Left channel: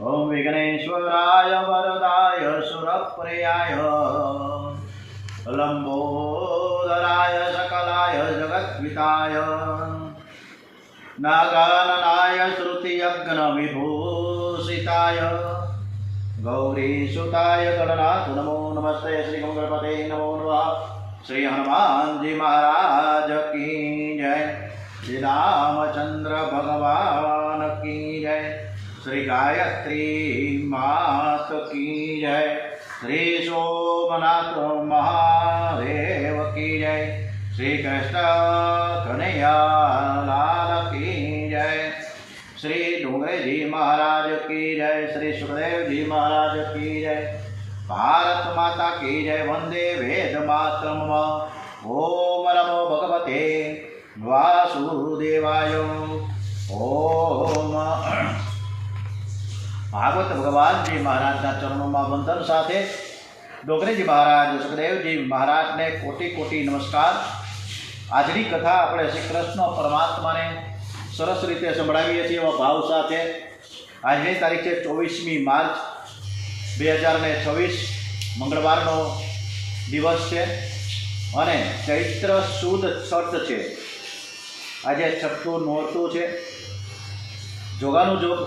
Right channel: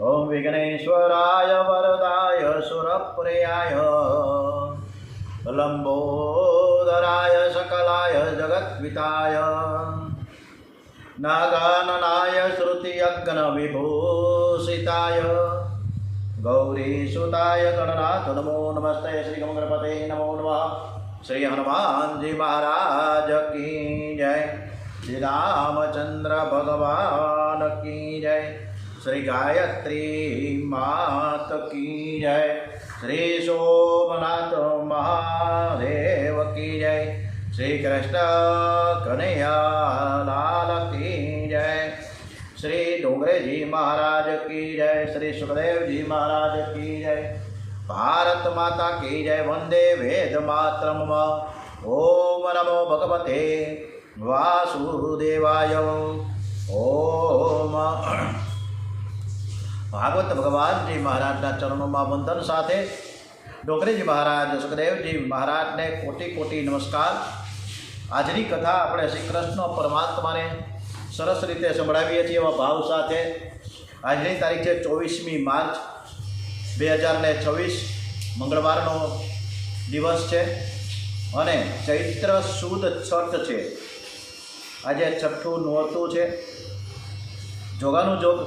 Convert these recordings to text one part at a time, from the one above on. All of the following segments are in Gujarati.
ओम विघ्नेश्वराय वरदाय सुरप्रियाय लंबोदराय सकलाय जगद्विताय नागाननाय श्रुतियज्ञविभूषिताय गौरीसुताय गणनाथ नमो नमस्ते। श्री गणपते नमो नमः। श्री हनुमान जी महाराज की जय। श्री रामचंद्र भगवान की जय। श्री गायत्री मात की जय। श्री सोमनाथ महादेव की जय। श्री कृष्ण कन्हैया लाल की जय। श्री डोंगरे जी महाराज की जय। श्री सुखदेव जी महाराज की जय। भारत माता की जय। वंदे वेद मातरम। ओम नमो भगवते वासुदेवाय। ओम भागवत भगवान जी महाराजना चरणों में वंदन साथे डोंगरे जी महाराज सुखदेव जी महाराज ने कोटि कोटि नमस्कार। आजनी कथा अपने श्री कृष्ण परमात्मा ने सरस रीते संभळावीए छीए एवा भाव साथे। आजनी तारीख है 24 मार्च 2026 मंगलवारनो दिवस है और चैत्र सुद छठ है। आज छठू नोरतु है। जोगानु जोग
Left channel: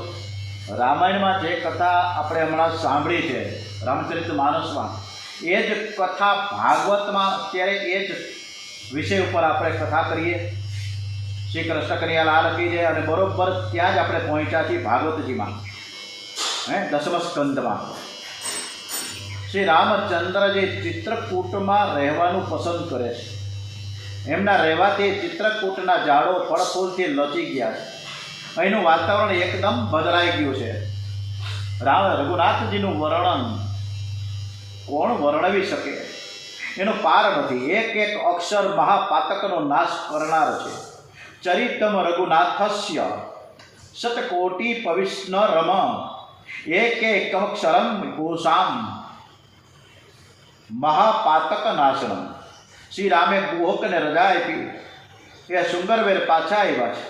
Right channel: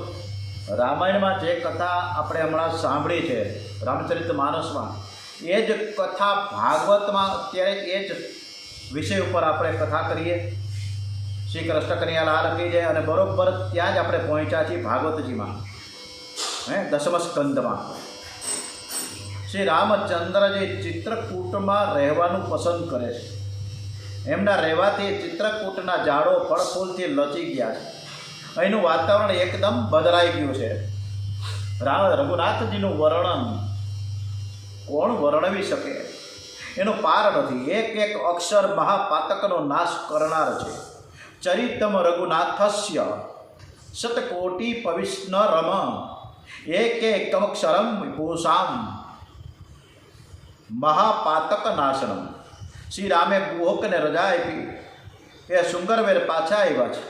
रामायण में जे कथा आपणे हमणां सांभळी है रामचरित मानस में ए ज कथा भागवत में अत्यारे ए ज विषय पर आपणे कथा करीए। श्री कृष्ण कन्हैया लाल की जय। और बरोबर त्यां ज आपणे पहोंच्या छीए भागवतजी में 10म स्कंद में। श्री रामचंद्रजी चित्रकूट में रहेवानुं पसंद करे छे। एमना रहेवाथी चित्रकूटना झाड़ो फळफूलथी लची गया छे। અહીંનું વાતાવરણ એકદમ બદલાઈ ગયું છે। રઘુનાથજીનું વર્ણન કોણ વર્ણવી શકે એનો પાર નથી। એક એક અક્ષર મહાપાતકનો નાશ કરનાર છે। ચરિતમ રઘુનાથસ્ય શતકોટિ પવિષ્ણરમ એક એકમક્ષરમ ભૂષામ મહાપાતક નાશનમ। શ્રી રામે ગુહકને રજા આપી એ સુંગરવેર પાછા આવ્યા છે।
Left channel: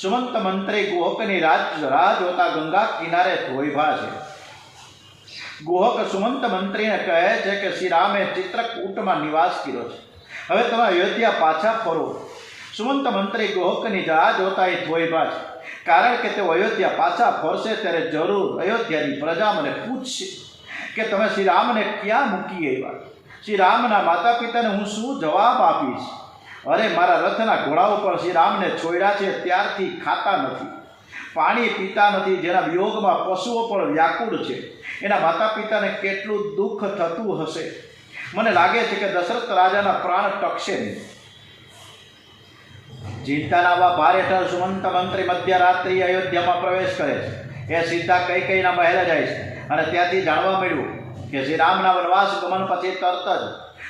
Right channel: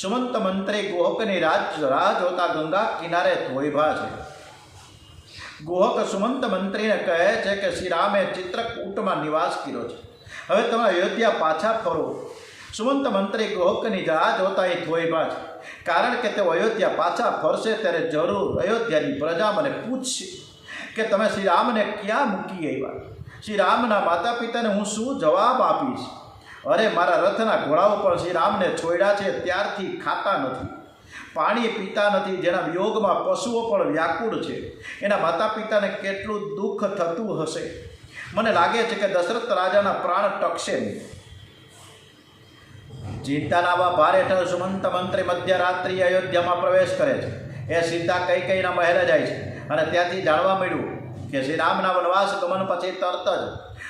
सुमंत मंत्री गुहकनी राह जोता गंगा किनारे धोईभा है। गुहक सुमंत मंत्री ने कहे छे कि श्री रामे चित्रकूट में निवास कर्यो छे। हवे तमे अयोध्या पाछा फरो। सुमंत मंत्री गुहकनी राह जोता ए धोईभा है, कारण के ते अयोध्या पाछा फरशे त्यारे जरूर अयोध्यानी प्रजा मने पूछशे कि तमे श्री राम ने क्या मूकी आव्या। श्री रामना माता पिता ने हूँ शू जवाब आपीश। अरे मारा रथना घोड़ाओ पर श्री राम ने छोड़ा है त्यारथी खाता नहीं, पाणी पीता नहीं, जेना वियोग में पशुओ पर व्याकुल है। एना माता पिता ने केटलू दुख थतुं हशे। मने लागे छे कि दशरथ राजाना प्राण टकशे नहीं। चिंताना भार हेठळ सुमंत मंत्री मध्यरात्रि अयोध्या में प्रवेश करे छे। ए सीधा कैकेयीना महले जाय छे अने त्यांथी जाणवा मळ्युं कि श्री रामना वनवास गमन पछी तरत ज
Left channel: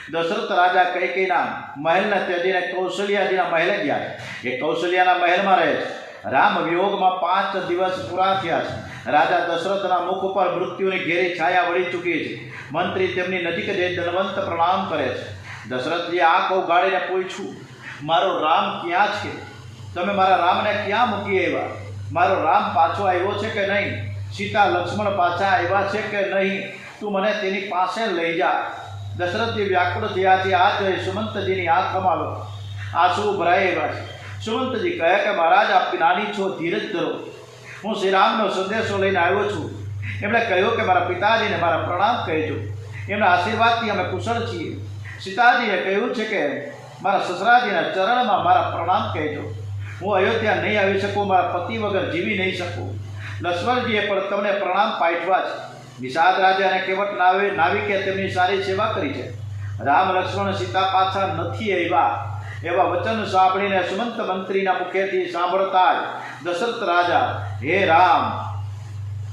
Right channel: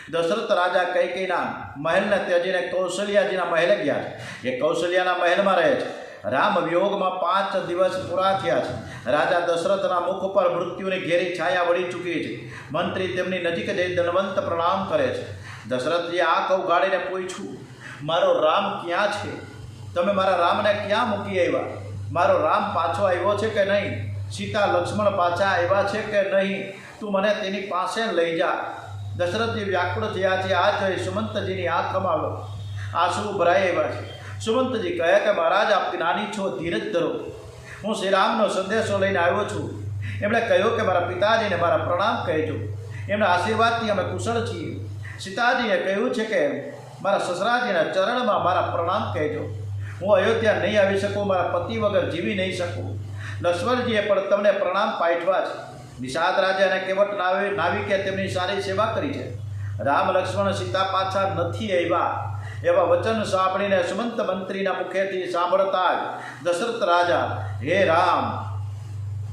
दशरथ राजा कैकेयीना महल ने त्याजीने कौशल्याजीना महले गया। ये कौशल्याना महल में रहे छे। राम वियोग में 5 दिवस पूरा थया छे। राजा दशरथना मुख पर मृत्युनी घेरी छाया वળી चूकी है। मंत्री तेमनी नजीक जई दंडवंत प्रणाम करे छे। दशरथजी आंख उगाड़ीने पूछ्યું, मारो राम क्या छे? तमे मारा राम ने क्या मूकी आव्या? मारो राम पाछो आव्यो छे के नहीं? सीता लक्ष्मण पाछा आव्या छे के नहीं? तू मने तेनी पासे लई जा। दशरथ जी व्याकुल थया छे। आ जोई सुमंतजीनी आंखमां आंसू भराई आव्या छे। सुमंतजी कहे कि महाराज आप नानी छो, धीरज धरो। हूँ श्रीरामनो संदेशो लईने आव्यो छुं। एमणे कह्युं कि मारा पिताजीने मारा प्रणाम कहेजो। एमना आशीर्वादथी अमे कुशल छीए। सीताजीए कह्युं छे कि मारा ससराजीना चरणमां मारा प्रणाम कहेजो। हूँ अयोध्या नहीं आवी शकूँ, मारा पति वगर जीवी नहीं शकूँ। लक्ष्मणजीए पण तमने प्रणाम पाठवा छे। निषाद राजा ने केवट नाविके तेमनी सारी सेवा करी है। राम लक्ष्मण सीता पाछा नहीं आव्या एवा वचन सांभळीने सुमंत मंत्रीना मुखेथी सांभळता ज दशरथ राजा हे राम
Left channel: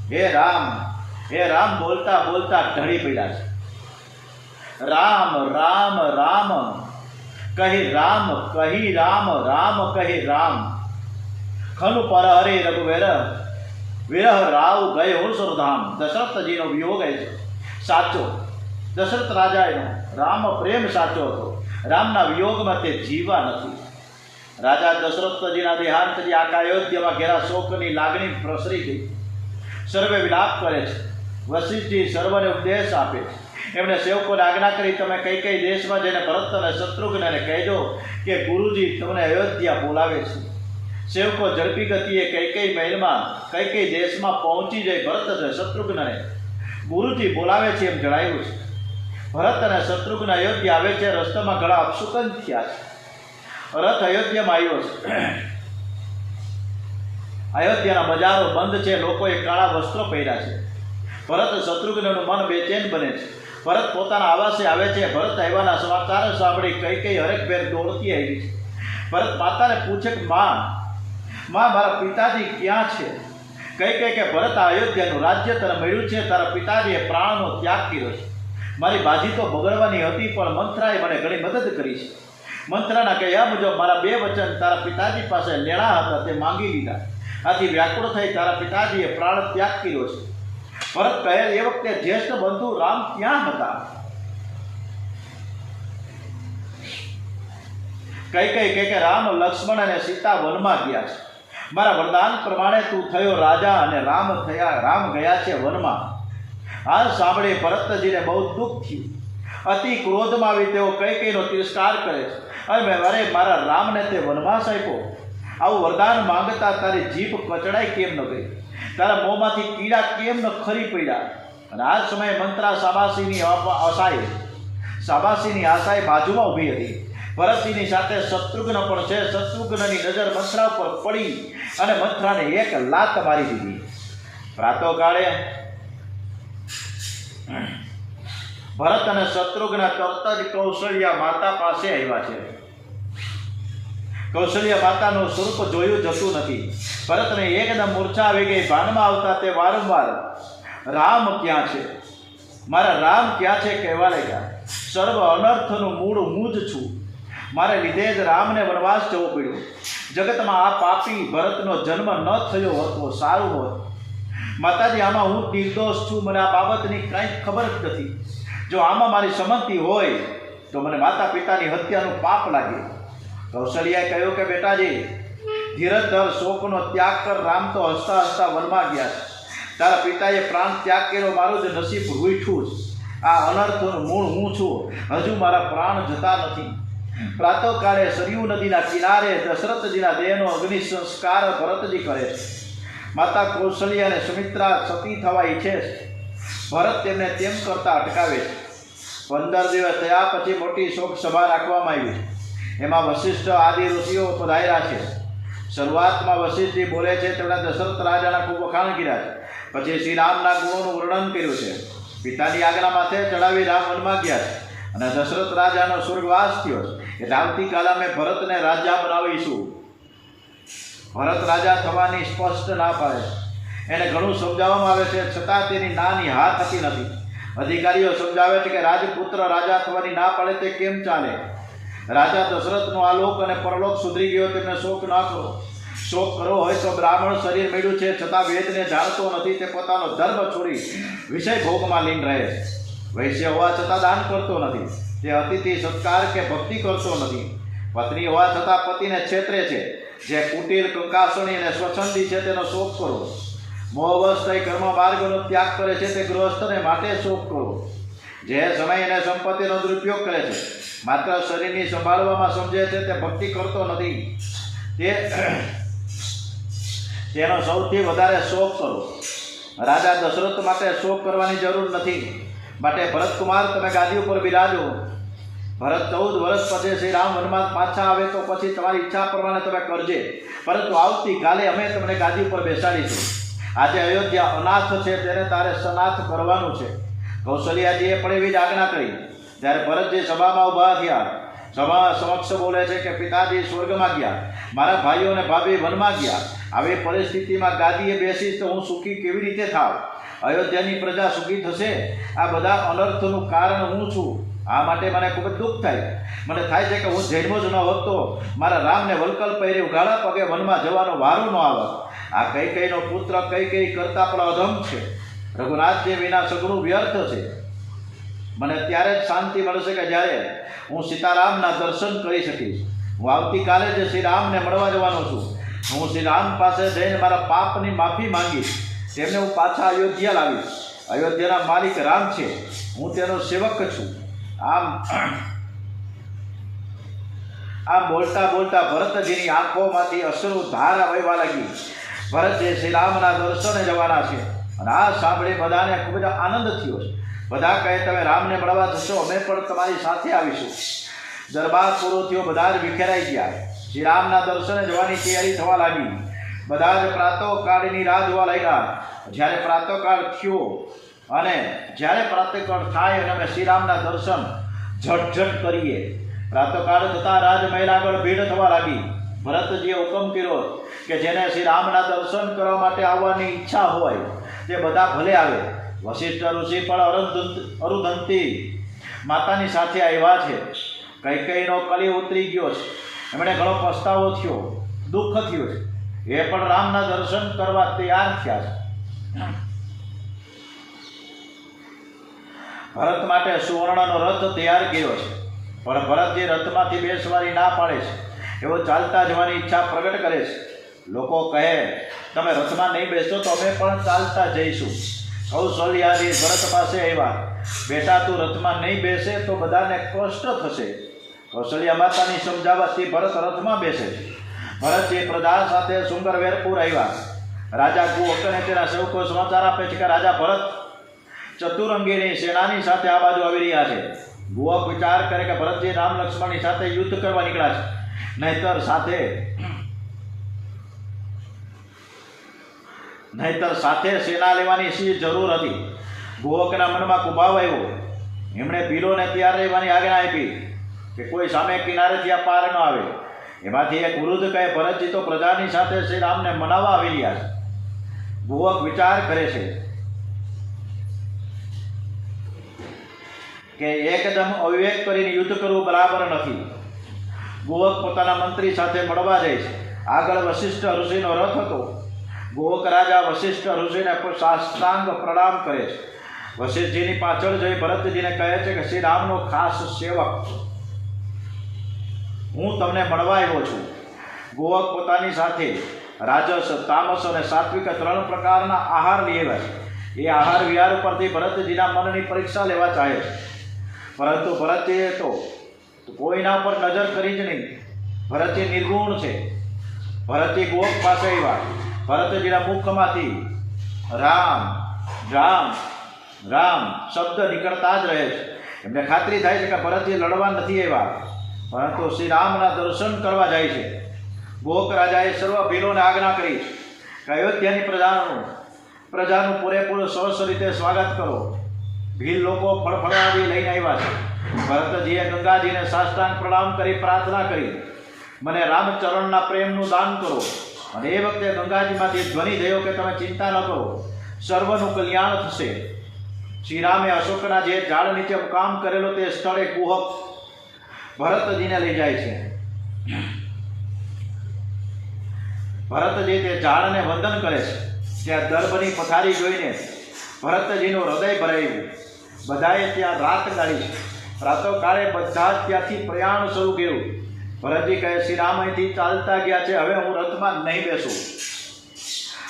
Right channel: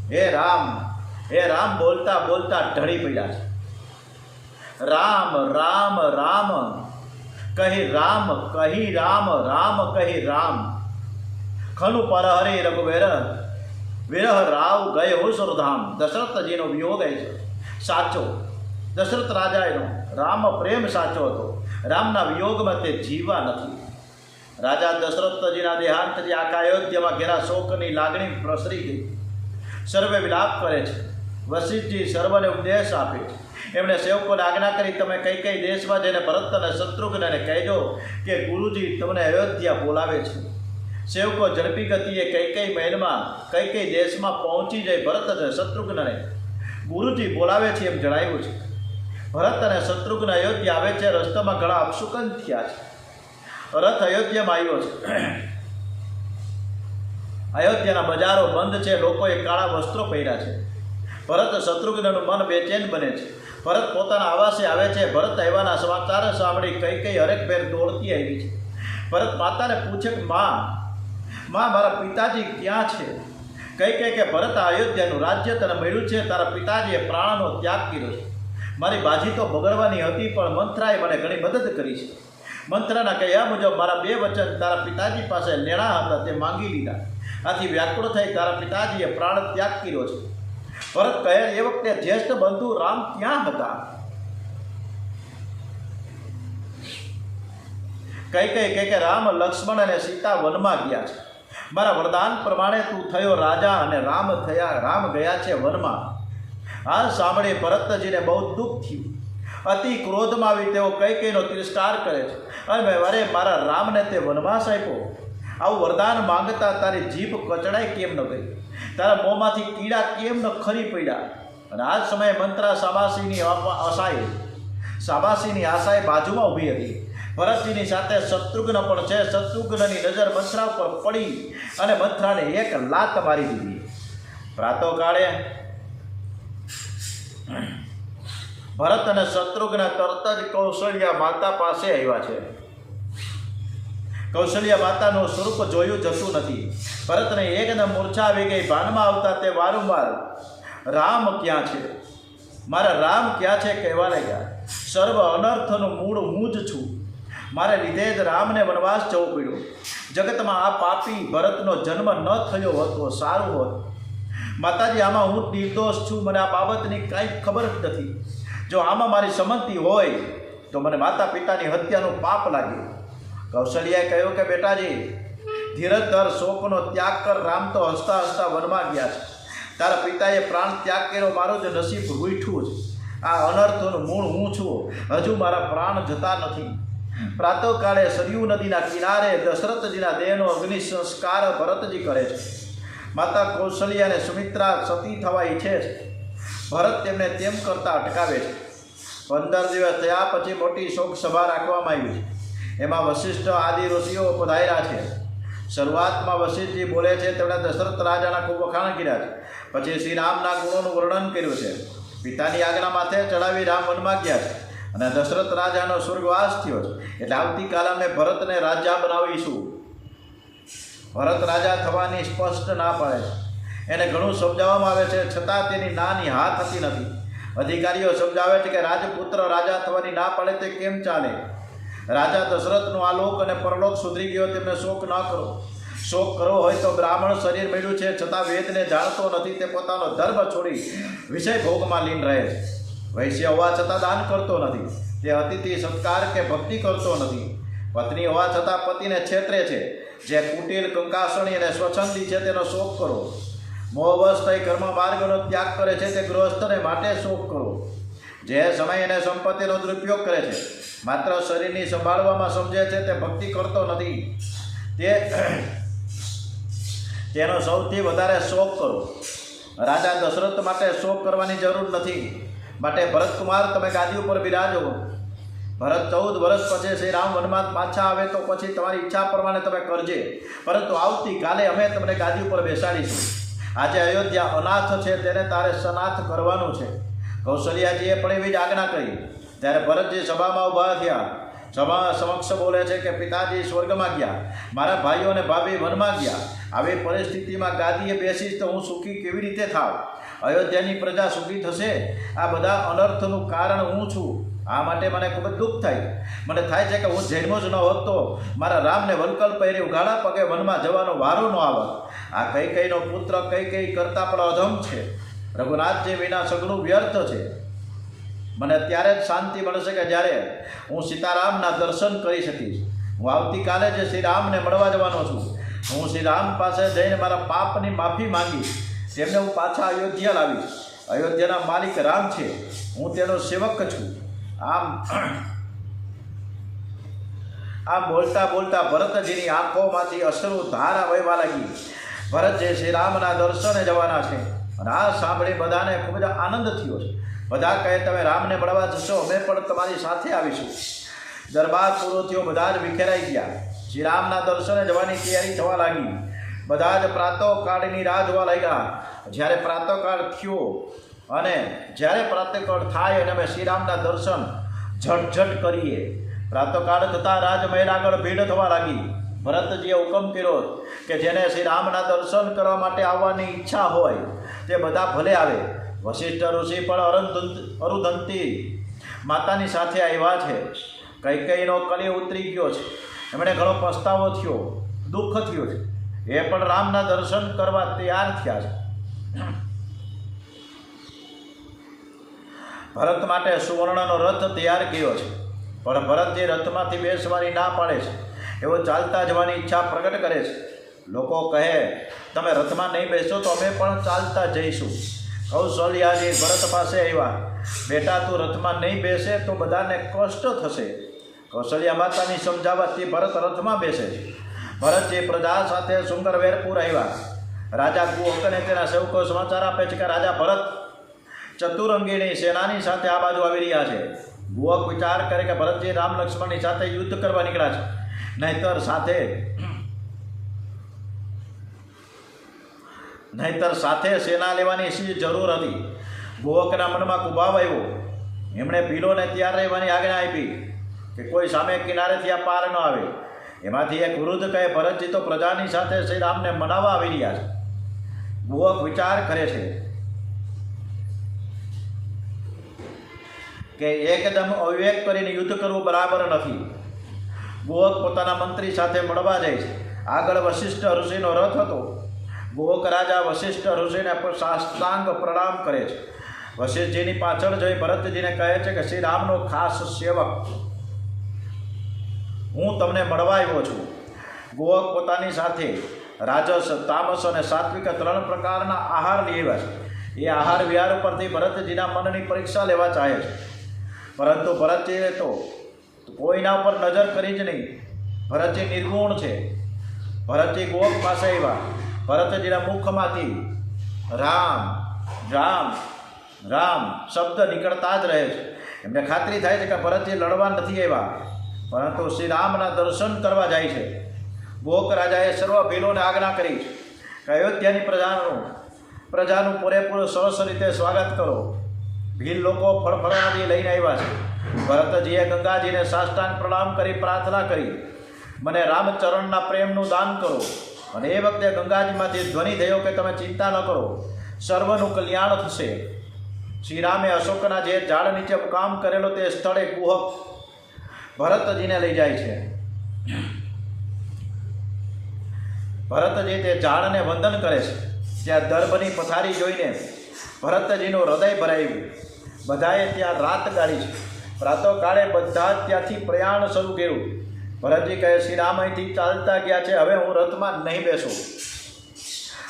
हे राम हे राम बोलता बोलता ढળી પડ્યા છે। राम राम राम कही राम कही राम राम कही राम खनु पर हरे रघुवीर विरह राव गए हो सुरधाम। दशरथ जी नो वियोग है साचो। दशरथ राजा राम प्रेम साचो तो रामना वियोग में ते जीवा नहीं। राजा दशरथ जी देहांत जी आखा अयोध्या में घेरा शोक की लागणी प्रसरी गई। સર્વે વિલાપ કરે છે. વશિષ્ઠજી સર્વને ઉપદેશ આપે છે. એમણે સેવકોને આજ્ઞા કરી, તમે કઈ કઈ દેશમાં જઈને ભરત અને શત્રુઘ્નને કહેજો કે ગુરુજી તમને અયોધ્યા બોલાવે છે. સેવકો ઝડપી ગતિએ કઈ કઈ મહેલમાં કઈ કઈ દેશમાં પહોંચી જાય ભરત અને શત્રુઘ્નને ગુરુજી બોલાવે છે એમ જણાવ્યું છે. ભરત અને શત્રુઘ્ન અયોધ્યા આવે છે. રસ્તામાં ઘણા અપશુકન થયા છે. રથ અયોધ્યામાં આવ્યો છે. અયોધ્યાના બજારો બંધ છે. લોકોએ કાળા વસ્ત્રો પહેર્યા છે. ભરત શત્રુઘ્નનું મન બેચેન બને છે. ભરત પોતાના આવાસે આવે છે. ભરત આવ્યાના સમાચાર સાંભળી કઈ કઈ હરેકભેર દોડતી આવી છે. ભરત માતાને પૂછે કે માં મારા પિતાજી ક્યાં છે? કઈ કઈ કે ભરત આ અયોધ્યાનું રાજ્ય તને મળ્યું છે. તારા પિતાજીએ પ્રાણનો ત્યાગ કર્યો છે. મારી બાજી તો બગડવાની હતી, પણ મંથરાએ મને ઘણી મદદ કરી છે. મંથરાના કહ્યા મુજબ મારા 2 વચન તારા પિતાજી પાસે લેણા હતા તે માંગી લીધા. આથી વ્યાકુળ થઈ તારા પિતાજીએ પ્રાણ ત્યાગ કર્યો છે. ભરત કહે, એ વખતે જ્યેષ્ઠ બંધુ રામ ક્યાં હતા? કઈ કઈ કે રામ, લક્ષ્મણ અને સીતા વનમાં ગયા છે. મારા વરદાન પ્રમાણે તું થયો રાજા અને રામ ગયા છે વનમાં. આ સાંભળી ભરતજીને બહુ દુઃખ થયું. અતિ ક્રોધમાં આવી તેઓ કઈ કઈનો તિરસ્કાર કરે છે. અને અરે મારા રામને તે વનવાસ આપ્યો. આવું વરદાન માંગતા તારી જીભ કચડાઈ કેમ ન ગઈ? તારા મોંમાંથી કીડા કેમ ન ખરી પડ્યા? અને આ સમયે મંત્રા શાબાશીની આશાએ બાજુમાં ઊભી હતી. ભરતજીની સાથે શત્રુઘ્ન પણ છે. શત્રુઘ્નની નજર મંથરા ઉપર પડી અને મંથરાને એક લાત મારી દીધી. પ્રાતઃકાળે ભરત અને શત્રુઘ્ન તરત જ કૌશલ્યા માતા પાસે આવ્યા છે. કૌશલ્યા માતાનું સ્વરૂપ જોયું જતું નથી. ભરતને એકદમ મૂર્છા આવી ગઈ. ભાનમાં આવતા તે વારંવાર રામ ક્યાં છે, મારા રામ ક્યાં છે કહેવા લાગ્યા. સર્વ અનર્થનું મૂળ હું જ છું. મારે લીધે જ રામને વનવાસ જવું પડ્યું. જગતમાં આ પાપી ભરતનો જન્મ ન થયો હોત તો સારું હોત. માતાજી, આમાં હું નિર્દોષ છું. મને આ બાબતની કાંઈ ખબર જ નથી. જો આમાં મારી સંમતિ હોય તો મને માતા પિતાની હત્યાનું પાપ લાગે. કૌશલ્યાએ કહ્યું કે બેટાજી, ધીરજ ધર, શોકનો ત્યાગ કર. રામ તો હસતા હસતા વનમાં ગયા છે. તારા પિતાએ પ્રાણ ત્યાગ કર્યો, મારું જ નસીબ રૂઠું છે. આ અનર્થનું મૂળ હું છું. હજુ મારા પ્રાણ જતા નથી. પ્રાતઃકાળે સરયુ નદીના કિનારે દશરથજીના દેહનો અગ્નિ સંસ્કાર ભરતજી કરે છે. માતા કૌશલ્યા અને સુમિત્રા સતી થવા ઈચ્છે છે. ભરત તેમને તેમ કરતા અટકાવે છે. 15 દિવસ થયા પછી મોટી શોક સભા રાખવામાં આવી છે. એમાં વશિષ્ઠ આદિ ઋષિઓ પધાર્યા છે. શરૂઆતમાં વશિષ્ઠજી બોલે છે. તેમણે દશરથ રાજાના ખૂબ વખાણ કર્યા છે. પછી શ્રી રામના ગુણોનું વર્ણન કર્યું છે. પિતાની આજ્ઞા માથે ચડાવી રામ વનમાં ગયા છે અને દશરથ રાજાનો સ્વર્ગવાસ થયો છે. એટલે આવતીકાલે અમે ભરતને રાજા બનાવીશું. ભરત રાજા થવાની સ્પષ્ટ ના પાડે છે. એને ઘણું સમજાવવામાં આવે છે, છતાં તેની નાની હા થતી નથી. અધિકારીઓ સમજાવે છે કે રાજપુત્ર રાજા થવાની ના પાડે તે કેમ ચાલે? રાજા દશરથનો આલોક અને પરલોક સુધરી ગયો, તેમને શોક ન કરો. શોક કરવો હોય તો બ્રાહ્મણ શરીર મળ્યું છે, છતાં વેદને જાણતો નથી. તે પોતાનો ધર્મ છોડી વિષય ભોગમાં લીન રહે છે. વૈશ્ય હોવા છતાં દાન કરતો નથી. તે અતિથિ સત્કાર કે ભક્તિ કરતો નથી. પત્ની હોવા છતાં પતિને છેતરે છે. જે કુટિલ, કંકાસણી અને સ્વચ્છંદી છે તેનો શોક કરો. મોહવશ થઈ કર્મ માર્ગનો ત્યાગ કરે છે તે ગૃહસ્થને માટે શોક કરો. જે સમય અને સંપત્તિનો દુરુપયોગ કરે છે, માત્ર શરીરની સંભાળવામાં સમજે છે, તે ભક્તિ કરતો નથી. તેનો સૌથી વધારે શોક કરો. રાજા દશરથ માટે શોક કરવાની જરૂર નથી. માટે ભરતકુમાર, તમે ગાદી ઉપર બિરાજો. ભરત 14 વર્ષ પછી શ્રી રામ વનમાં પાછા આવે તો પછી તમારી ઈચ્છા પ્રમાણે તમે કરજે, પરંતુ આવતીકાલે અમે તમને ગાદી ઉપર બેસાડીશું. આજે અયોધ્યા અનાથ છે, તેને તારે સનાથ કરવાનું છે. કૌશલ્યાજીએ પણ એવી જ આજ્ઞા કરી. ત્યારે ભરતજી સભામાં ઊભા થયા. સભા સમક્ષ બોલે છે કે પિતાજી સ્વર્ગમાં ગયા, મારા ભાઈઓ અને ભાભી વનમાં ગયા. આવી પરિસ્થિતિમાં ગાદીએ બેસીશ તો હું સુખી કેવી રીતે થાવ? અયોધ્યાની પ્રજા સુખી થશે? આ બધા અનર્થનું કારણ હું છું. આ માટે મને ખૂબ જ દુઃખ થાય. મને થાય છે કે હું જન્મો જ ન હોત તો મારા રામને વલકલ પહેરી ઉઘાડા પગે વનમાં જવાનો વારો ન આવે. આ કઈ કઈનો પુત્ર કઈ કઈ કરતાં પણ અધમ છે. રઘુનાથજી વિના સઘળું વ્યર્થ છે. મને ત્યારે જ શાંતિ મળશે કે જ્યારે હું સીતારામના દર્શન કરી શકીશ. હું આવતીકાલે જ શ્રી રામને મળવા જવાનો છું. હું શ્રી રામ પાસે જઈને મારા પાપની માફી માંગીશ. તેમને હું પાછા અયોધ્યા લાવીશ. અયોધ્યાના માલિક રામ છે, હું તેનો સેવક છું. આમ બોલતા બોલતા ભરતજીની આંખોમાંથી અશ્રુ ધારા વહેવા લાગી. ભરતજી શ્રી રામના દર્શને જવાના છે અને આ સાંભળી બધાને ખૂબ જ આનંદ થયો છે. બધા કહે, તમે રામને મળવા જશો, અમે પણ તમારી સાથે આવીશું. દરબાર પૂરો થયો, બધા જ વિખેરાઈ ગયા. શ્રી રામના દર્શને જવાની તૈયારી થવા લાગી. બધા જ પ્રાતઃકાળની રાહ જોવા લાગ્યા. જ્યારે પ્રાતઃકાળ થયો અને જ્યારે પ્રાતઃકાળ થાય અને અમે શ્રીરામના દર્શન ઝટઝટ કરીએ. પ્રાતઃકાળ થતાં રાજમહેલ આગળ ભીડ થવા લાગી. ભરતજીએ હુકમ કર્યો કે જેને શ્રી રામના દર્શન કરવા માટે આવવાની ઈચ્છા હોય તે બધા ભલે આવે. વશિષ્ઠ ઋષિ પણ અરુધંતી માતાની સાથે આવ્યા છે. કૈકેયીનો કલી ઉતરી ગયો છે, એમણે ઘણો પસ્તાવો થયો, દુઃખ થયું છે. એ પણ રામના દર્શન કરવા તૈયાર થયા છે. ભરત માટે સુવર્ણનો રથ તૈયાર કર્યો છે, પણ ભરતજી રથમાંથી બેસવાની ના પાડે છે. એવો ચાલતા જવાની ઈચ્છા પ્રગટ કરે છે. લોકો કહે, તમે રથમાં નહીં બેસો તો અમે પણ ચાલતા જઈશું. કૌશલ્યાજી ભરત પાસે આવ્યા. બેટા, તું રથમાં નહીં બેસે તો બધાને કષ્ટ થશે. કૌશલ્યા માતાની સમજાવવાથી ભરત રથમાં બેસે છે. ભરતજી પ્રજા સાથે સુંગરવેરપુર આવ્યા. રાજા કુહકને તેના સેવકો સમાચાર આપે છે કે રાજા ભરત ચતુરંગીની સેનાની સાથે આ બાજુ આવી રહ્યા છે. કુહક વિચાર કરે કે ભરતજી રામ લક્ષ્મણની સાથે યુદ્ધ કરવા નીકળ્યા છે, નહીતર સાથે સેના લેવાની શી જરૂર હતી. કુહકના મનમાં કુભાવ આવ્યો. એમણે ભીલોને તૈયાર રહેવાની આજ્ઞા આપી કે કોઈ સામે કિનારેથી આ પાર ન આવે. એમાંથી એક વૃદ્ધ કહે, ભરતજી તો પ્રજાની સાથે શ્રી રામને મનાવવા આવી રહ્યા છે. કુહક વિચાર કરે છે કે એકદમ અવિવેક કરીને યુદ્ધ કરવું બરાબર નથી. કુહક પોતાના મંત્રી સાથે મળવા જાય છે. આગળ વશિષ્ઠ ઋષિનો રથ હતો. કુહક રાજા વશિષ્ઠ ઋષિને સાષ્ટાંગ પ્રણામ કરે છે. વશિષ્ઠજીની પાછળ જોઈ ભરતજીને કહે છે કે શ્રી રામનો ખાસ સેવક હું તમને મળવા આવ્યો છું. કુહક પોતાની સાથે રાજસ, તામસ અને સાત્વિક 3 પ્રકારના આહાર લઈ આવ્યા છે. એ આહાર વિહાર ઉપરથી ભરતજીના મનની પરીક્ષા લેવા ચાહે છે, પરંતુ ભરતજીએ તો કોઈના ઉપર નજર કરી જ નહીં. ભરતજી નિર્ગુણ છે. ભરતજી કુહક પાસે આવ્યા. ભરતજીના મુખમાંથી રામ રામ રામ શબ્દ નીકળતા જ રહે છે. એમને ખાતરી થાય છે કે ભરતજી લડવા નથી આવ્યા, પરંતુ શ્રી રામના દર્શન કરવા જાય છે. કુહક રાજાએ સર્વ ભીલોને આજ્ઞા કરી કે અયોધ્યાની પ્રજાનું પૂરેપૂરું સરસ રીતે સ્વાગત કરો. ભીલ લોકો ફળફળાદી લઈને આવ્યા છે. ભરતજીએ ગંગાજીને સાષ્ટાંગ પ્રણામ કરી પ્રાર્થના કરી, મને રામચરણના પ્રેમનું દાન કરો. અને એ વખતે ગંગાજીમાંથી ધ્વનિ થયો કે તમે ચિંતા ન કરો, સર્વનું કલ્યાણ થશે. શ્રી રામે અશોકના જે ઝાડ નીચે કામ કરેલો તે સ્થળે કુહક ભરતજીને લઈ જાય છે. ભરતજી તે ઝાડને વંદન કરે છે. ત્યાં દર્ભની પથારી જોઈને ભરતજીનું હૃદય ભરાયું. બધાએ ત્યાં રાત ગાળી છે. પ્રાતઃકાળે બધા જ ત્યાંથી પ્રયાણ શરૂ કર્યું. ભરતજી કહે, શ્રી રામ અહીંથી ચાલતા ગયા છે, હવે હું રથમાં નહીં બેસું,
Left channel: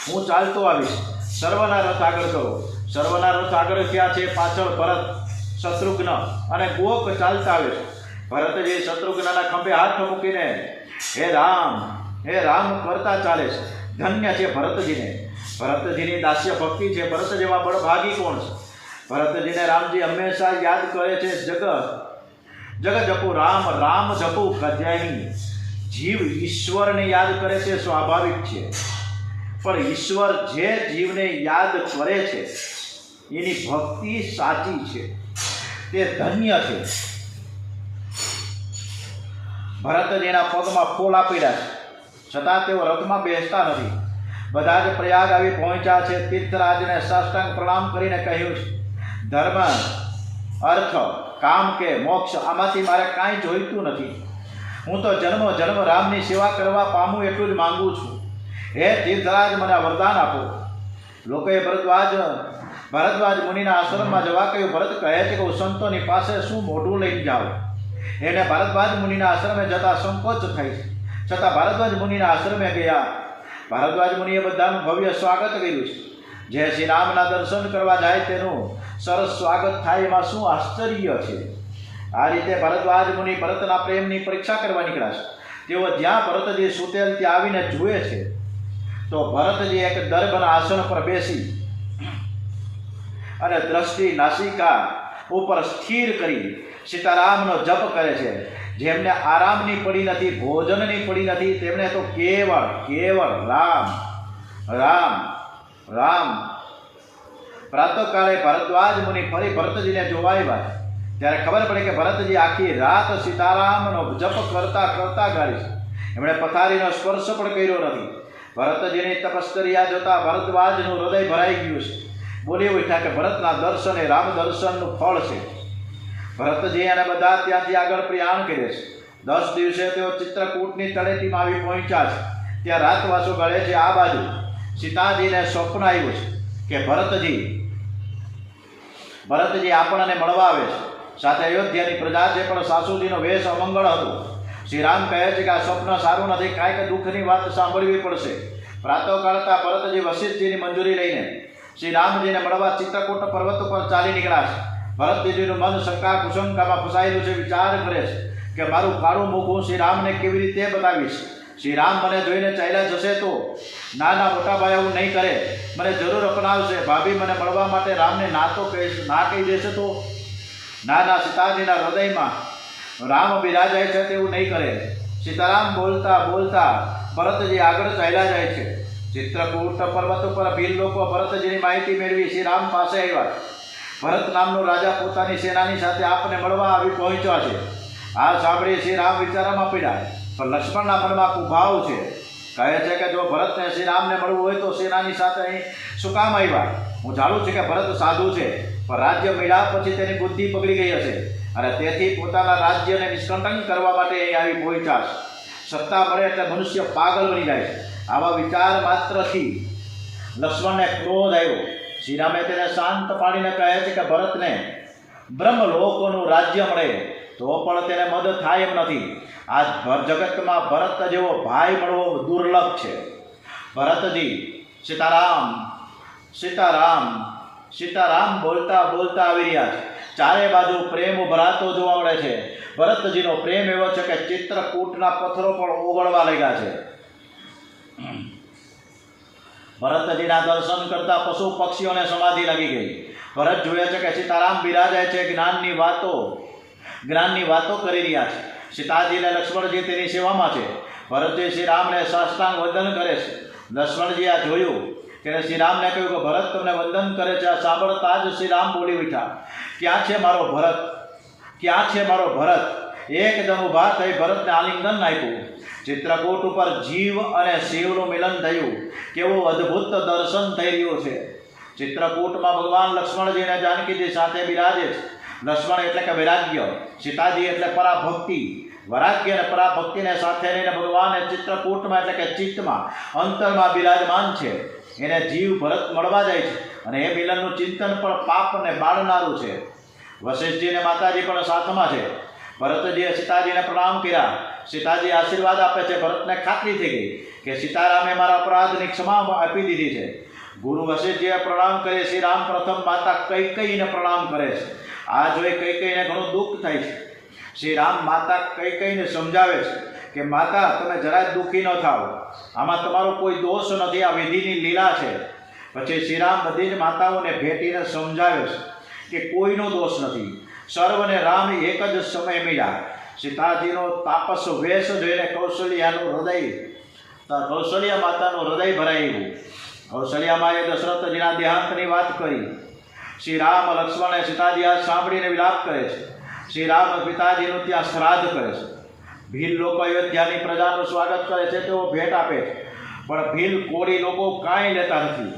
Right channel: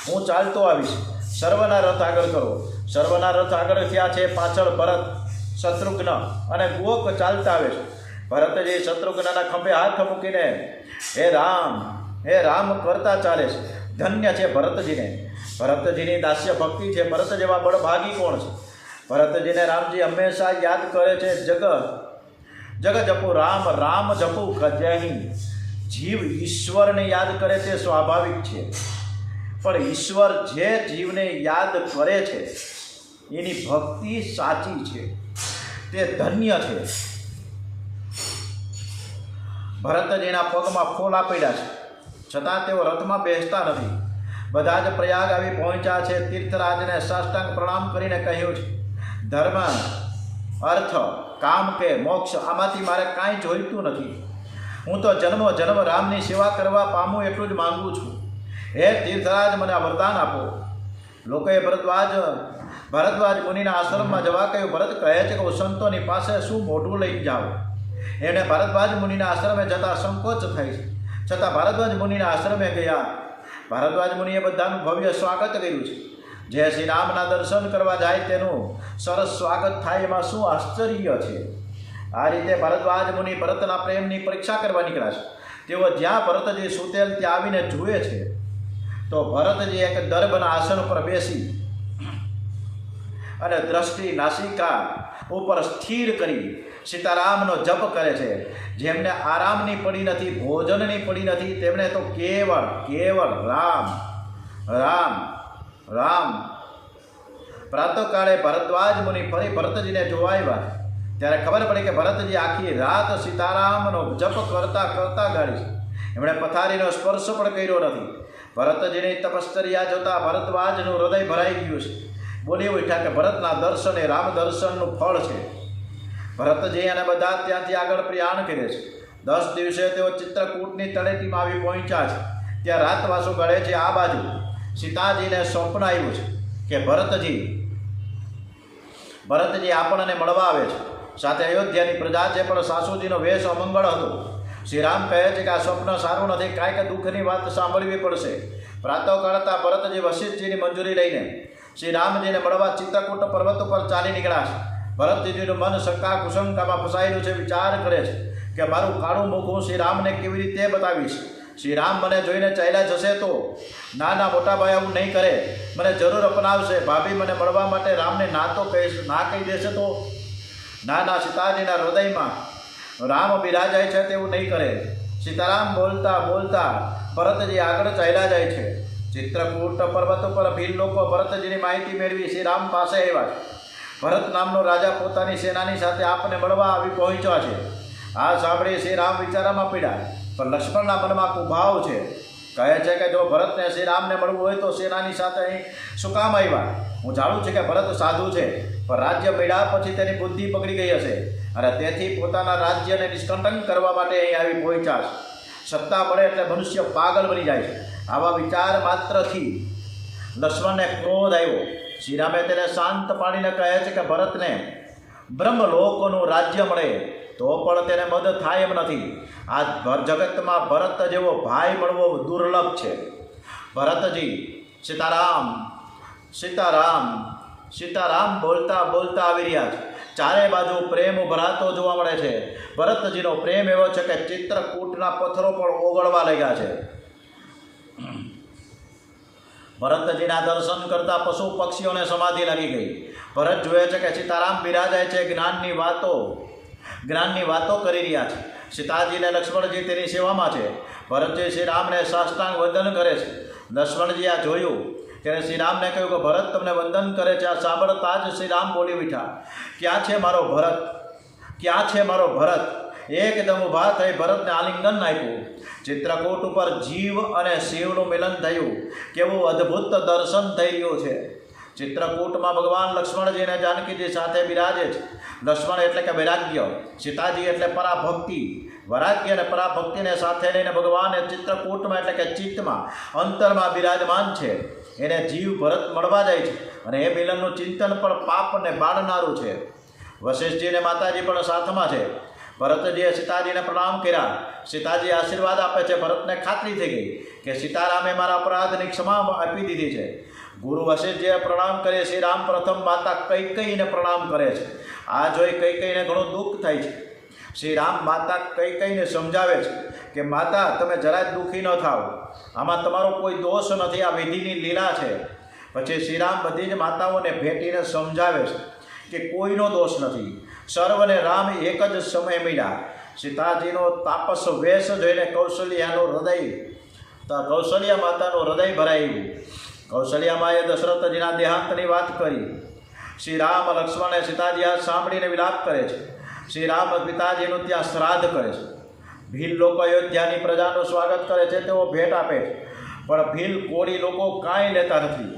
હું ચાલતો આવીશ. સર્વના રથ આગળ કરો. સર્વના રથ આગળ થયા છે. પાછળ ભરત, શત્રુઘ્ન અને કુહક ચાલતા આવે છે. ભરતજી શત્રુઘ્નના ખંભે હાથ મૂકીને હે રામ કરતા ચાલે છે. ધન્ય છે ભરતજીને. ભરતજીની દાસ્ય ભક્તિ છે. ભરત જેવા બળભાગી કોણ છે? ભરતજીને રામજી હંમેશા યાદ કરે છે. જગ જપુ રામ રામ જપુ કજ્યાહી. જીવ ઈશ્વરને યાદ કરે તે સ્વાભાવિક છે, પણ ઈશ્વર જે જીવને યાદ કરે છે એની ભક્તિ સાચી છે, તે ધન્ય છે. ભરતજીના પગમાં ફોલા પડ્યા છે, છતાં તેઓ રથમાં બેસતા નથી. બધા જ પ્રયાગ આવી પહોંચ્યા છે. તીર્થરાજને સાષ્ટાંગ પ્રણામ કરીને કહ્યું છે, ધર્મ, અર્થ, કામ કે મોક્ષ આમાંથી મારે કાંઈ જોઈતું નથી. હું તો જન્મ રામની સેવા કરવા પામું એટલું જ માંગુ છું. હે તીર્થરાજ, મને વરદાન આપો. લોકોએ ભરદ્વાજ મુનિના આશ્રમમાં જવા કહ્યું. ભરત કહે છે કે હું સંતોની પાસે શું મોઢું લઈને જાઉં? એને ભારદ્વાજ મુનિના આશ્રમે જતાં સંકોચ થાય છે, છતાં ભારદ્વાજ મુનિના આશ્રમે ગયા. ભારદ્વાજ મુનિએ બધાનું ભવ્ય સ્વાગત કર્યું છે. જે શ્રી રામના દર્શન કરવા જાય તેનું સરસ સ્વાગત થાય એમાં શું આશ્ચર્ય છે. આ રીતે ભરદ્વાજ મુનિ ભરતના પ્રેમની પરીક્ષા કરવા નીકળ્યા છે. તેઓ જ્યાં ભરતજી સુતેલ ત્યાં આવીને જુએ છે તો ભરતજી એક દર્ભના આસન પર બેસી અને દ્રષ્ટિ નાસિકા ઉપર સ્થિર કરી સીતારામનો જપ કરે છે. જેમને આરામની પડી નથી, ભોજનની પડી નથી, તેમણે તો કેવળ કેવળ રામ રામ રામ. પ્રાતઃકાળે ભરદ્વાજ મુનિ ફરી ભરતજીને જોવા આવ્યા ત્યારે ખબર પડી કે ભરતજી આખી રાત સીતારામનો જપ કરતા કરતા ગાળી છે. એમણે પથારીનો સ્પર્શ પણ કર્યો નથી. ભરતજીની તપશ્ચર્યા જોતા ભરદ્વાજનું હૃદય ભરાઈ ગયું છે. બોલી ઉઠ્યા કે ભરતના દર્શન એ રામ દર્શનનું ફળ છે. ભરતજી અને બધા ત્યાંથી આગળ પ્રયાણ કરે છે. 10 દિવસે તેઓ ચિત્રકૂટની તળેટીમાં આવી પહોંચ્યા છે. ત્યાં રાતવાસો ગળે છે. આ બાજુ સીતાજીને સ્વપ્ન આવ્યું છે કે ભરતજી આપણને મળવા આવે છે. સાથે અયોધ્યાની પ્રજા છે પણ સાસુજીનો વેશ અમંગળ હતો. શ્રી રામ કહે છે કે આ સ્વપ્ન સારું નથી, કાંઈક દુઃખની વાત સાંભળવી પડશે. પ્રાતઃકાળતા ભરતજી વશિષ્ઠજીની મંજૂરી લઈને શ્રી રામજીને મળવા ચિત્રકૂટ પર્વત ઉપર ચાલી નીકળ્યા છે. ભરતજીનું મન શંકા કુશંકામાં ફસાયેલું છે. વિચાર કરે છે કે મારું કાળું મુખ હું શ્રી રામને કેવી રીતે બતાવીશ. શ્રી રામ મને જોઈને ચાલ્યા જશે તો નાના મોટા ભાઈ આવું નહીં કરે, મને જરૂર અપનાવશે. ભાભી મને મળવા માટે રામને ના તો કહીશ, ના કહી દેશે તો નાના સીતાજીના હૃદયમાં રામ બિરાજાય છે તેવું નહીં કરે. સીતારામ બોલતા બોલતા ભરતજી આગળ ચાલ્યા જાય છે. ચિત્રકૂટ પર્વત ઉપર ભીલ લોકો ભરતજીની માહિતી મેળવી શ્રી રામ પાસે આવ્યા. ભરત નામનો રાજા પોતાની સેનાની સાથે આપને મળવા આવી પહોંચ્યો છે. આ સાંભળી શ્રી રામ વિચારમાં પડ્યા. પણ લક્ષ્મણના મનમાં કુભાવ છે. કહે છે કે જો ભરતને શ્રી રામને મળવું હોય તો સેનાની સાથે અહીં શું કામ આવ્યા? હું જાણું છું કે ભરત સાધુ છે, પણ રાજ્ય મળ્યા પછી તેની બુદ્ધિ બગડી ગઈ હશે અને તેથી પોતાના રાજ્યને નિષ્કંટન કરવા માટે અહીં આવી પહોંચ્યા છે. સત્તા મળે એટલે મનુષ્ય પાગલ બની જાય છે. આવા વિચાર માત્રથી લક્ષ્મણને ક્રોધ આવ્યો. શ્રી રામે તેને શાંત પાડીને કહે છે કે ભરતને બ્રહ્મલોકોનું રાજ્ય મળે તો પણ તેને મદ થાય એમ નથી. આ જગતમાં ભરત જેવો ભાઈ મળવો દુર્લભ છે. ભરતજી સીતારામ સીતારામ સીતારામ બોલતા બોલતા આવી રહ્યા છે. ચારે બાજુ પ્રેમ ઉભરાતો જોવા મળે છે. ભરતજીનો પ્રેમ એવો છે કે ચિત્રકૂટના પથ્થરો પણ ઓગળવા લાગ્યા છે. ભરતજીના દર્શન કરતા પશુ પક્ષીઓને સમાધિ લાગી ગઈ. ભરત જુએ છે કે સીતારામ બિરાજાય છે. જ્ઞાનની વાતો કરી રહ્યા છે. સીતાજી અને લક્ષ્મણજી તેની સેવામાં છે. ભરતજી શ્રી રામને સાષ્ટાંગ વંદન કરે છે. લક્ષ્મણજી આ જોયું કે શ્રી રામને કહ્યું કે ભરત તમને વંદન કરે છે. આ સાંભળતા જ શ્રી રામ બોલી ઉઠ્યા, ક્યાં છે મારો ભરત? ક્યાં છે મારો ભરત? એકદમ ઊભા થઈ ભરતને આલિંગન આપ્યું. ચિત્રકૂટ ઉપર જીવ અને શિવનું મિલન થયું. કેવું અદ્ભુત દર્શન થઈ રહ્યું છે. ચિત્રકૂટમાં ભગવાન લક્ષ્મણજી અને જાનકીજી સાથે બિરાજે છે. લક્ષ્મણ એટલે કે વૈરાગ્ય, સીતાજી એટલે પરાભક્તિ. વૈરાગ્ય અને પરાભક્તિને સાથે લઈને ભગવાન ચિત્રકૂટમાં એટલે કે ચિત્તમાં અંતરમાં બિરાજમાન છે. એને જીવ ભરત મળવા જાય છે અને એ મિલનનું ચિંતન પણ પાપને બાળનારું છે. વશિષ્ઠજીને માતાજી પણ સાથમાં છે. ભરતજીએ સીતાજીને પ્રણામ કર્યા. સીતાજી આશીર્વાદ આપે છે. ભરતને ખાતરી થઈ ગઈ કે સીતારામે મારા અપરાધની ક્ષમા આપી દીધી છે. ગુરુ વશિષ્ઠજીએ પ્રણામ કરી. શ્રી રામ પ્રથમ માતા કૈકેયીને પ્રણામ કરે છે. આ જોઈ કૈકેયીને ઘણું દુઃખ થાય છે. શ્રી રામ માતા કૈકેયીને સમજાવે છે કે માતા તમે જરાય દુઃખી ન થાઓ, આમાં તમારો કોઈ દોષ નથી, આ વિધિની લીલા છે. પછી શ્રી રામ બધી જ માતાઓને ભેટીને સમજાવે છે કે કોઈનો દોષ નથી. સર્વને રામ એક જ સમય મળ્યા. સીતાજીનો તાપસ વેશ જોઈને કૌશલ્યા માતાનું હૃદય ભરાયું. કૌશલ્યા માએ દશરથજીના દેહાંતની વાત કરી. શ્રી રામ લક્ષ્મણ અને સીતાજી આ સાંભળીને વિલાપ કરે છે. શ્રી રામ પિતાજીનું ત્યાં શ્રાદ્ધ કરે છે. ભીલ લોકો અયોધ્યાની પ્રજાનું સ્વાગત કરે છે, તેઓ ભેટ આપે છે. પણ ભીલ કોળી લોકો કાંઈ લેતા નથી.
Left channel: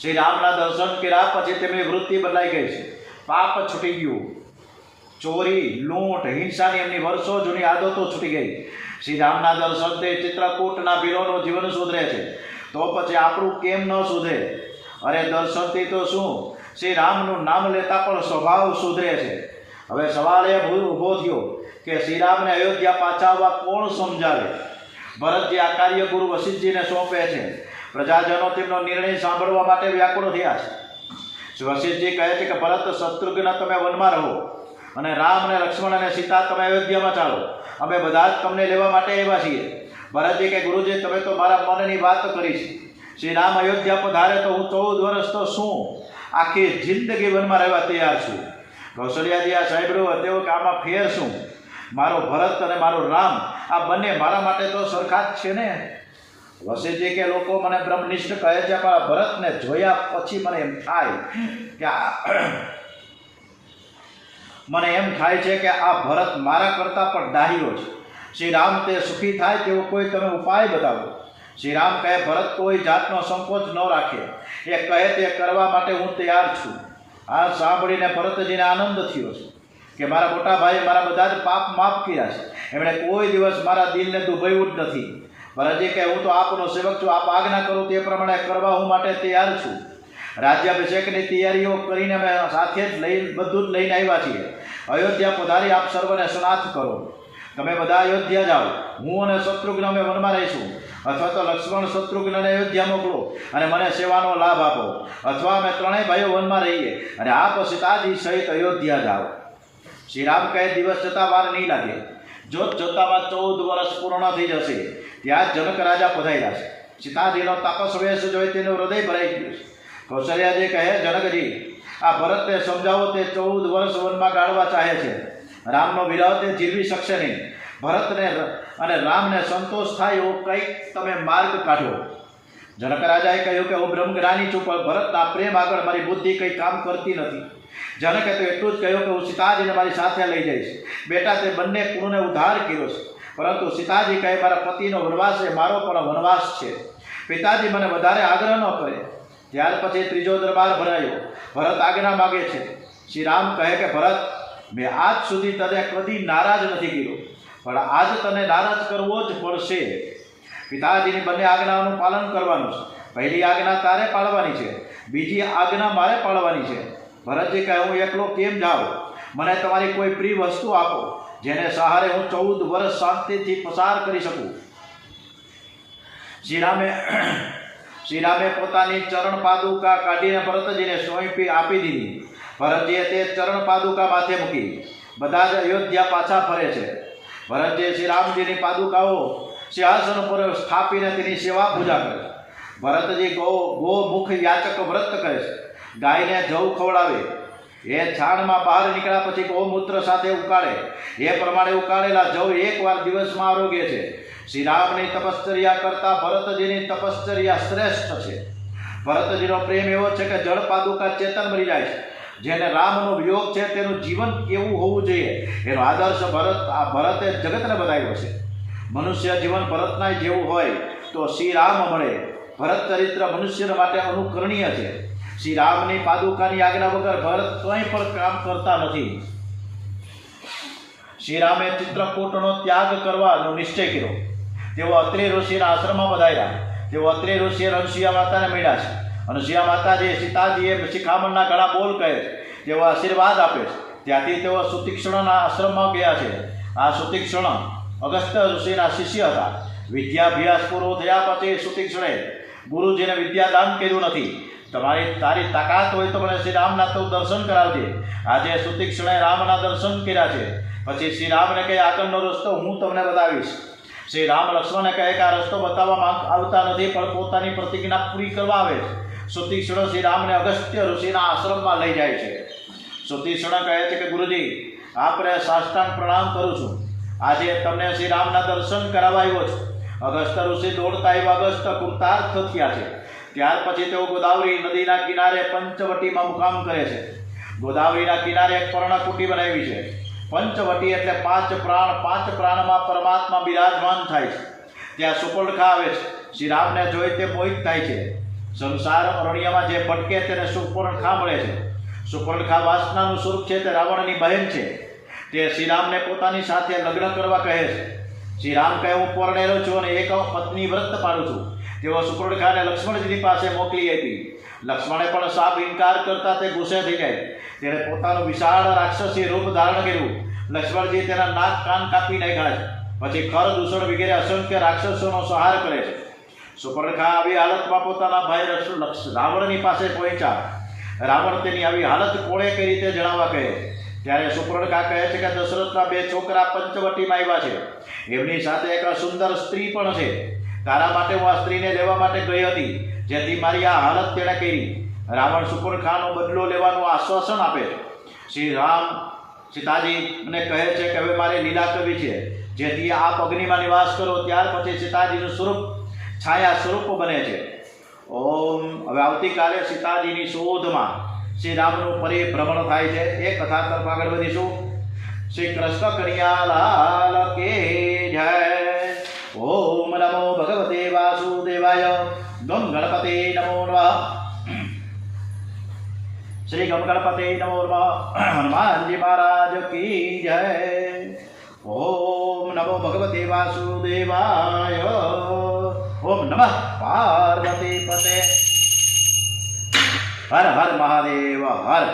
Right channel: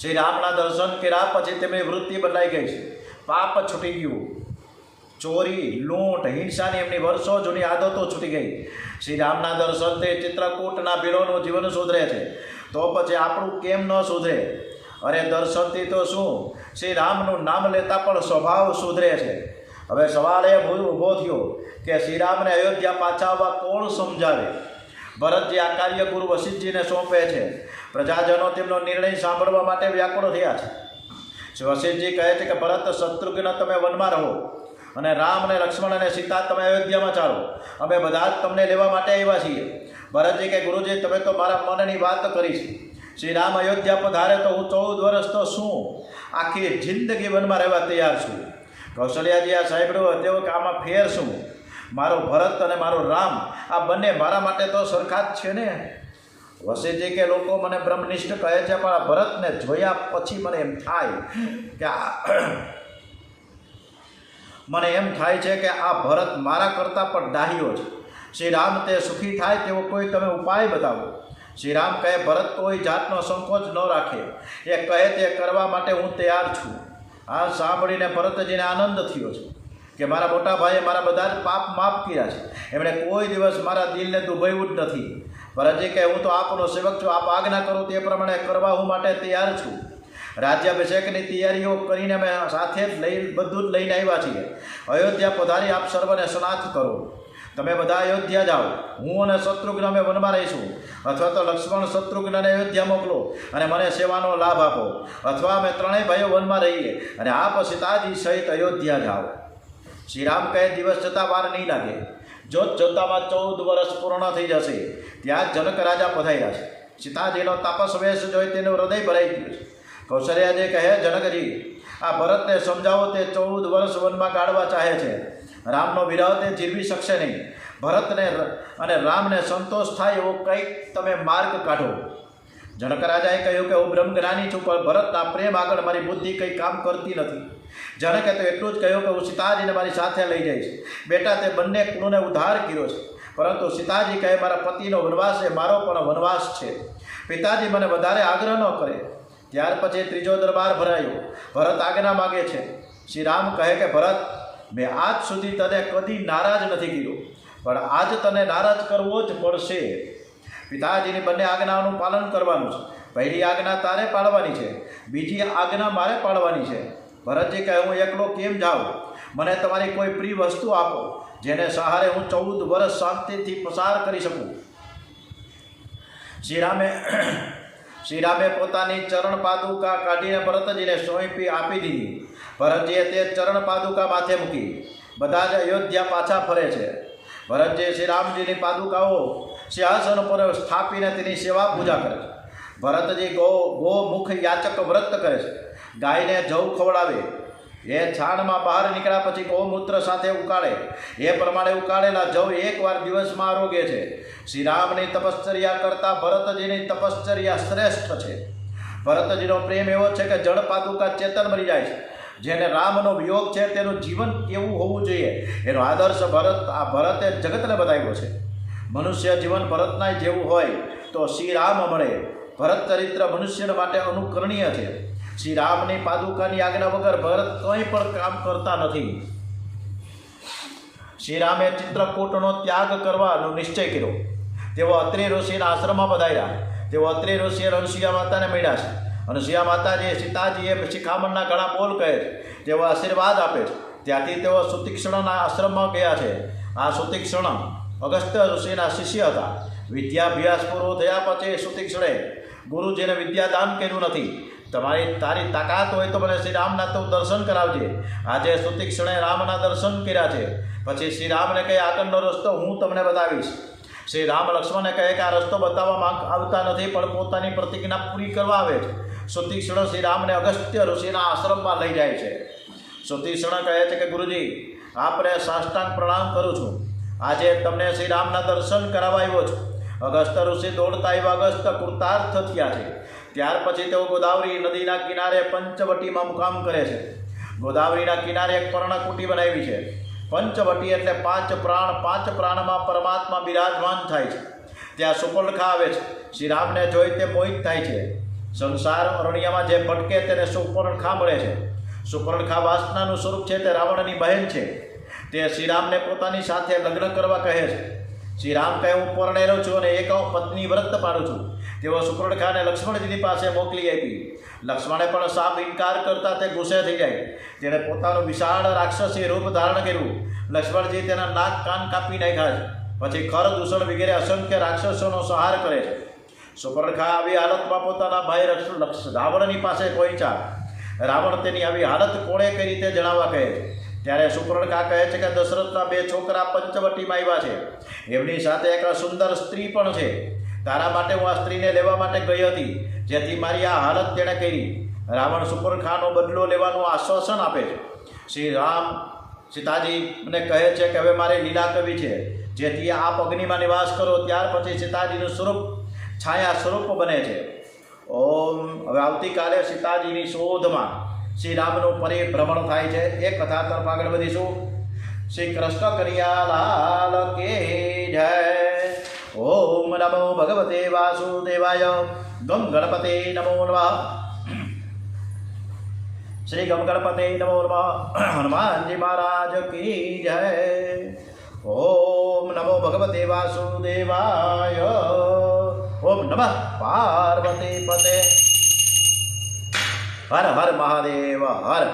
શ્રી રામના દર્શન કર્યા પછી તેમની વૃત્તિ બદલાઈ ગઈ છે. પાપ છૂટી ગયું. ચોરી, લૂંટ, હિંસાની એમની વર્ષો જૂની આદતો છૂટી ગઈ. શ્રી રામના દર્શનથી ચિત્રકૂટના ભીલોનું જીવન સુધરે છે. તો પછી આપણું કેમ ન સુધરે? અને દર્શનથી તો શું, શ્રી રામનું નામ લેતા પણ સ્વભાવ સુધરે છે. હવે સવાલ એ ઊભો થયો કે શ્રી રામને અયોધ્યા પાછા આવવા કોણ સમજાવે? ભરતજી આ કાર્ય ગુરુ વશિષ્ઠજીને સોંપે છે. પ્રજાજનો તેમનો નિર્ણય સાંભળવા માટે વ્યાકુળ થયા છે. વશિષ્ઠજી કહે છે કે ભરત શત્રુઘ્ન તમે વનમાં રહો અને રામ અને લક્ષ્મણ અને સીતા તમે અયોધ્યામાં ચાલો, અમે બધા જ તમને લેવા માટે આવ્યા છીએ. ભરતજી કે ગુરુજી તમે તો મારા મનની વાત કરી છે. શ્રી રામ અયોધ્યા પધારે તો હું 14 વર્ષ તો શું આખી જિંદગી વનમાં રહેવા તૈયાર છું. કૌશલ્યાજી આ સાંભળ્યું તેઓ કે આમાં ફેર શું? મારો ભરત અને મારો રામ આ બંને મારા માટે તો સરખા જ છે ને. વશિષ્ઠજી કે લોકો મને બ્રહ્મનિષ્ઠ કહે છે, પણ ભરતને જોયા પછી મને એમ થાય કે આ ભરત મારા કરતાં પણ ડાહ્યો છે. શ્રી રામ તે સુખી થાય તેવો કોઈ તમે ઉપાય બતાવો. શ્રી રામ કહે ભરત કોઈ જાતનો સંકોચ ન રાખે, એ કહે તે કરવા માટે હું તૈયાર છું. આ સાંભળીને ભરતજીને આનંદ થયો છે કે મારા મોટા ભાઈએ મારા બધા જ પાપ માફ કર્યા છે. એમણે કોઈ દિવસ મારા દિલને દુભાવ્યું જ નથી. ભરતજી કહે હું તો આપનો સેવક છું, આપ આજ્ઞા કરો તે પ્રમાણે કરવા હું માટે તૈયાર છું. રાજ્યાભિષેકની તૈયારીઓ કરીને અમે સાથે જ બધું જ લઈને આવ્યા છીએ. અયોધ્યા પધારી આપ સર્વને સ્નાથ કરો. તમે બધા અયોધ્યા જાઓ, હું અને શત્રુઘ્ન અમે વનમાં રહીશું, અથવા તો લક્ષ્મણ શત્રુઘ્નને અયોધ્યા મોકલો અને મને સેવાનો લાભ આપો, અથવા અમે ત્રણેય ભાઈઓ વનમાં રહીએ અને આપ સીતાજી સહિત અયોધ્યા જાઓ. શ્રી રામ કહે દિવસ જતાં વાર નહીં લાગે. જોત જોતામાં 14 વર્ષ પૂર્ણ થઈ જશે. ત્યાં જનક રાજા પધાર્યા છે. સીતાજીનો તાપસ વેશ જોઈ તેનું હૃદય ભરાઈ ગયું છે. કૌશલ્યાજી કહે જનકજી આ ભરતને સમજાવો, તે 14 વર્ષ વનમાં ગાળવા ચાહે છે. રામનો વિરહ તે જીરવી શકશે નહીં. ભરતને અને રામને સંતોષ થાય એવો કંઈક તમે માર્ગ કાઢો. જનક રાજાએ કહ્યું કે હું બ્રહ્મજ્ઞાની છું, પણ ભરતના પ્રેમ આગળ મારી બુદ્ધિ કંઈ કામ કરતી નથી. જનકે તો એટલું જ કહ્યું કે હું સીતાજીને મારી સાથે લઈ જઈશ. બેટા તે બંને કુળને ઉદ્ધાર કર્યો છે, પરંતુ સીતાજી કહે મારા પતિનો વનવાસ એ મારો પણ વનવાસ છે. પિતાજી મને વધારે આગ્રહ ન કરે. ત્યાર પછી ત્રીજો દરબાર ભરાયો. ભરત આજ્ઞા માગે છે. શ્રી રામ કહે કે ભરત મેં આજ સુધી તને કદી નારાજ નથી કર્યો, પણ આજ તને નારાજ કરવો જ પડશે. પિતાજીની બંને આજ્ઞાઓનું પાલન કરવાનું છે. પહેલી આજ્ઞા તારે પાળવાની છે, બીજી આજ્ઞા મારે પાળવાની છે. ભરતજી કહે હું એકલો કેમ જાઉં? મને તમારી કોઈ પ્રિય વસ્તુ આપો જેને સહારે હું 14 વર્ષ શાંતિથી પસાર કરી શકું. શ્રી રામે પોતાની ચરણ પાદુકા કાઢીને ભરતજીને સોંપી આપી દીધી. ભરતજીએ તે ચરણ પાદુકા માથે મૂકી. બધા જ અયોધ્યા પાછા ફરે છે. ભરતજી શ્રી રામજીની પાદુકાઓ સિંહાસન પર સ્થાપીને તેની સેવા પૂજા કરે છે. ભરતજી ગોમુખ યાચક વ્રત કરે છે. ગાયને જવ ખવડાવે. એ છાણમાં બહાર નીકળ્યા પછી ગૌમૂત્ર સાથે ઉકાળે. એ પ્રમાણે ઉકાળેલા જવ એકવાર દિવસમાં આરોગે છે. શ્રી રામની તપશ્ચર્યા કરતાં ભરતજીની તપશ્ચર્યા શ્રેષ્ઠ છે. ભરતજીનો પ્રેમ એવો છે કે જળ પાદુકા ચેતન મરી જાય છે. જેને રામનો વિયોગ છે તેનું જીવન કેવું હોવું જોઈએ એનો આદર્શ ભરતે જગતને બતાવ્યો છે. મનુષ્ય જીવન ભરતના જેવું હોય તો શ્રી રામ મળે. ભરત ચરિત્ર મનુષ્ય માટે અનુકરણીય છે. શ્રી રામની પાદુકાની આજ્ઞા વગર ભરત કંઈ પણ કામ કરતા નથી. શ્રી રામે ચિત્રકૂટનો ત્યાગ કરવાનો નિશ્ચય કર્યો. તેઓ અત્રિ ઋષિના આશ્રમમાં પધાર્યા. તેઓ અત્રિ ઋષિએ અનસુયા માતાને મળ્યા છે. અનસુયા માતાજીએ સીતાજીએ શિખામણના ઘણા બોલ કહે છે. તેઓ આશીર્વાદ આપે છે. ત્યાંથી તેઓ સુતીક્ષ્ણના આશ્રમમાં ગયા છે. આ સુતીક્ષ્ણ અગસ્ત્ય ઋષિના શિષ્ય હતા. વિદ્યાભ્યાસ પૂરો થયા પછી સુતીક્ષ્ણે ગુરુજીને વિદ્યાદાન કર્યું નથી. તારી તાકાત હોય તો મને શ્રી રામના તો દર્શન કરાવજે. આજે સુતીક્ષ્ણે રામના દર્શન કર્યા છે. પછી શ્રી રામને કહે આગળનો રસ્તો હું તમને બતાવીશ. શ્રી રામ લક્ષ્મણને કહે કે આ રસ્તો બતાવવા આવતા નથી, પણ પોતાની પ્રતિજ્ઞા પૂરી કરવા આવે છે. સુતીક્ષ્ણ શ્રી રામને અગસ્ત્ય ઋષિના આશ્રમમાં લઈ જાય છે. સુતીક્ષ્ણ કહે છે કે ગુરુજી આપને સાષ્ટાંગ પ્રણામ કરું છું. આજે તમને શ્રી રામના દર્શન કરાવવા આવ્યો છું. અગસ્ત્ય ઋષિ દોડતા એવા અગસ્ત્ય કૃતાર્થ થયા છે. ત્યાર પછી તેઓ ગોદાવરી નદીના કિનારે પંચવટીમાં મુકામ કરે છે. ગોદાવરીના કિનારે એક પર્ણકુટી બનાવી છે. પંચવટી એટલે 5 પ્રાણ. 5 પ્રાણમાં પરમાત્મા બિરાજમાન થાય છે. ત્યાં સુપર્ણખા આવે છે. શ્રી રામને જોઈ તે મોહિત થાય છે. સંસાર અરણ્યમાં જે ભટકે તેને સુપર્ણખા મળે છે. સુપર્ણખા વાસનાનું સ્વરૂપ છે. તે રાવણની બહેન છે. તે શ્રી રામને પોતાની સાથે લગ્ન કરવા કહે છે. શ્રી રામ કહે હું પરણેલો છું અને એક પત્ની વ્રત પાડું છું. તેઓ સુપર્ણખાને લક્ષ્મણજીની પાસે મોકલી આપી. લક્ષ્મણે પણ સાપ ઇનકાર કરતા તે ગુસ્સે થઈ જાય. તેણે પોતાનું વિશાળ રાક્ષસી રૂપ ધારણ કર્યું. લક્ષ્મણજી તેના નાક કાન કાપી નાખ્યા છે. પછી ખર દૂષણ વગેરે અસંખ્ય રાક્ષસોનો સંહાર કરે છે. સુપર્ણખા આવી હાલતમાં પોતાના ભાઈ રાવણની પાસે પહોંચ્યા. રાવણ તેની આવી હાલત કોણે કઈ રીતે જણાવવા કહે. ત્યારે સુપર્ણખા કહે છે કે દશરથના 2 છોકરા પંચવટીમાં આવ્યા છે, એમની સાથે એક સુંદર સ્ત્રી પણ છે. તારા માટે હું આ સ્ત્રીને લેવા માટે ગઈ હતી, જેથી મારી આ હાલત તેણે કરી. રાવણ સુપર્ણખાનો બદલો લેવાનું આશ્વાસન આપે છે. શ્રી રામ સીતાજીને કહે છે કે હવે મારે લીલા કરવી છે, જેથી આપ અગ્નિમાં નિવાસ કરો. ત્યાર પછી સીતાજીનું સ્વરૂપ છાયા સ્વરૂપ બને છે. હવે આવતીકાલે સીતાજીની શોધમાં શ્રી રામનું પરિભ્રમણ થાય છે. એ કથા તરફ આગળ વધીશું. શ્રી કૃષ્ણ કનૈયાલાલ કે જય. ઓમ નમો ભગવતે વાસુદેવાય. ગમ ગણપતે નમો નમઃ. શ્રી ગમ ગણપતે નમો નમઃ. હનુમાનજી મહારાજ કી જય. ઓમ નમો ભગવતે વાસુદેવાય. ઓમ નમઃ પાર્વતી પતે. હર હર મહાદેવ હર.